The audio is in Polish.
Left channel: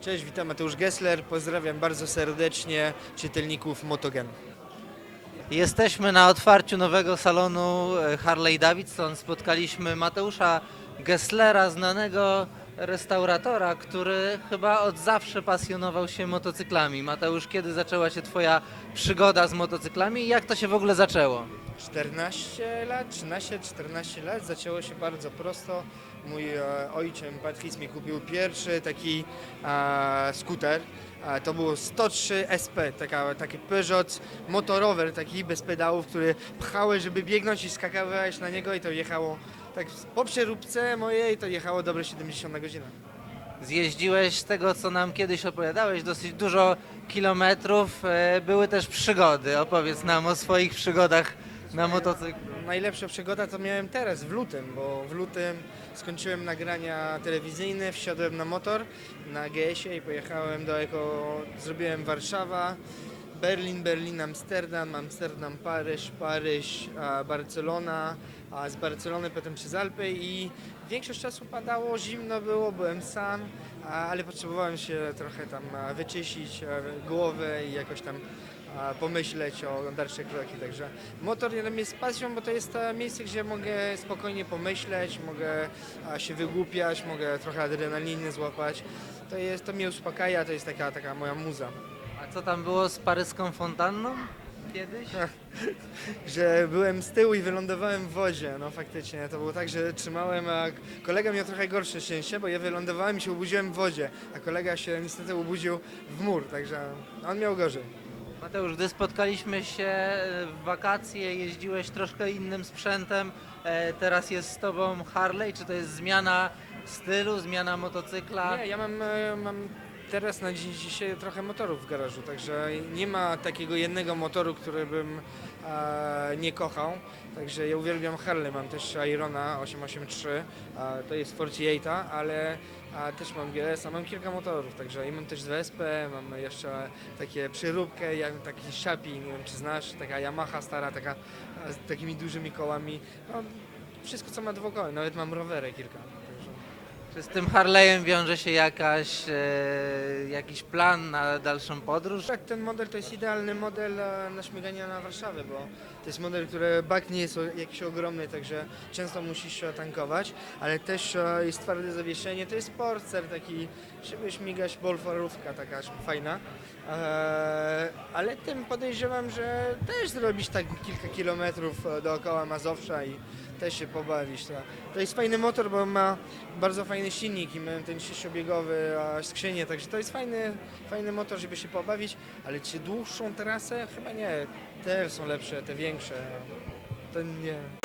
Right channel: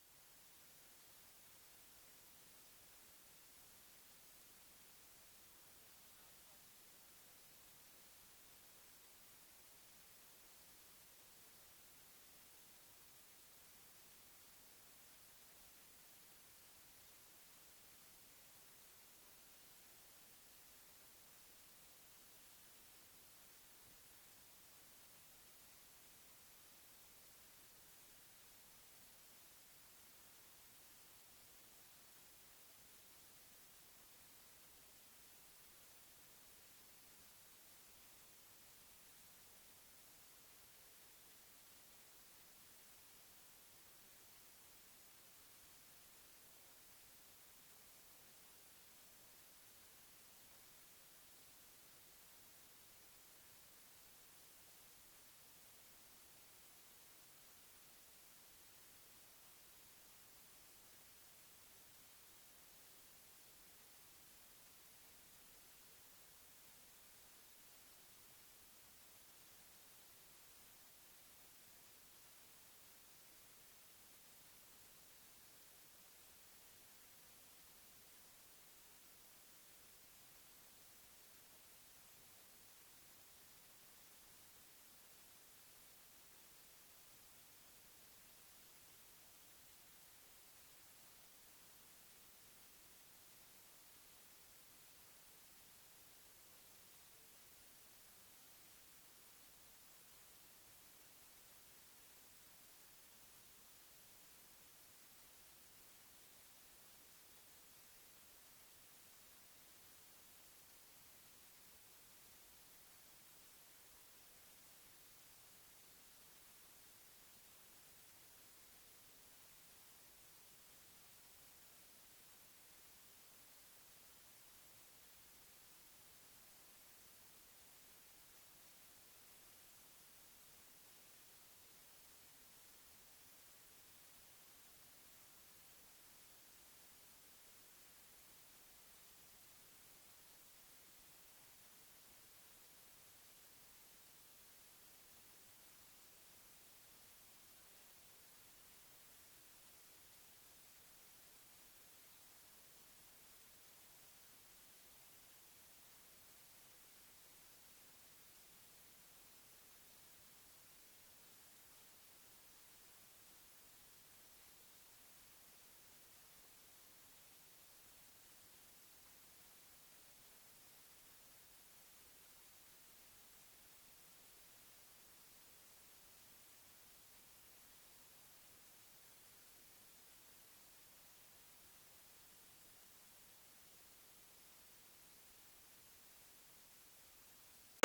Cześć, witam Mateusz Gessler. Pozdrawiam bardzo serdecznie czytelników Motogen. Jesteśmy na otwarciu nowego salonu e, Harley Davidson. Spotkaliśmy Mateusza Gesslera, znanego restauratora, który chyba od zawsze pasjonował się motocyklami. Mateusz, kiedy zaczęła się Twoja przygoda z motocyklami i jak to się w ogóle zaczęło? 14 lat, 13-14 lat zaczęło się bardzo prosto. Mój e, ojciec Patrice mi kupił pierwszy taki e, skuter. E, to było 103 SP, taka, taki Peugeot motorower, taki bez pedałów, który pchałeś, żeby biegnąć i skakałeś na niego i to jechało tak po przeróbce mojej to jechało dobre 70 na godzinę. Zjeździłeś z tego, co nam kiedyś opowiadałeś, dosyć dużo kilometrów. e, Były też przygody. Opowiedz nam o swoich przygodach na motocyklu. Najlepsza przygoda to miałem teraz, w lutym, bo w lutym skończyłem nagrania telewizyjne, wsiadłem na motor na GS-ie i pojechałem do Eko, zrobiłem Warszawa, Berlin, Berlin, Amsterdam, Amsterdam, Paryż, Paryż, a Barcelona, a z Barcelony potem przez Alpy i większość czasu padało, zimno było, byłem sam, a- ale potrzebowałem się trochę tam a, wyczyścić a, głowę i jakoś tam pomyśleć o dalszych kroki, także motor dla mnie jest pasją, bo to jest to miejsce, gdzie mogę spokojnie pomyśleć, mogę się wygłupiać, mogę trochę adrenaliny złapać. To, jest, to mnie uspokaja, to jest taka, taka moja muza. A co tam było z paryską fontanną kiedyś? Że byłem z tyłu i wylądowałem w wodzie, no faktycznie. To było tak, że trzymałem, a kolega miał trochę gorsze szczęście, bo ja wylądowałem i się obudziłem w wodzie, a kolega się niestety obudził w mur, także on miał gorzej. Mateusz, gdy spotkaliśmy się e, w wakacje, jeździłeś troszkę innym sprzętem, e, teraz jest z tobą Harley, czy to jest zmiana stylu, zmiana motocykla? Nie, ja mam, e, mam teraz na dzień dzisiaj trochę motorów w garażu, także nie ma takiego jednego motoru, który bym e, nie kochał. Także ja uwielbiam Harley, mam też Irona 883, a to jest 48, ale a też mam GS, a mam kilka motorów, także i mam też WSP, mam jeszcze takie przyróbkę, taki Szapi, nie wiem czy znasz, taka Yamaha stara, taka a, z takimi dużymi kołami. No, wszystko co ma dwukoły, nawet mam rowery kilka. Czy z tym Harley'em wiąże się jakaś, e, jakiś plan na dalszą podróż? Tak, ten model to jest idealny model e, na śmiganie na Warszawę, bo to jest model, który bak nie jest jakiś ogromny, także często musisz e, tankować, ale też e, jest twarde zawieszenie, to jest sportster taki, żeby śmigać, bolfarówka taka fajna. Ale tym podejrzewam, że też zrobić tak kilka kilometrów dookoła Mazowsza i też się pobawić. To, to jest fajny motor, bo ma bardzo fajny silnik i ma ten sześciobiegowy a, skrzynię, także to jest fajny, fajny motor, żeby się pobawić, ale czy dłuższą trasę? Chyba nie. Te są lepsze, te większe. To nie.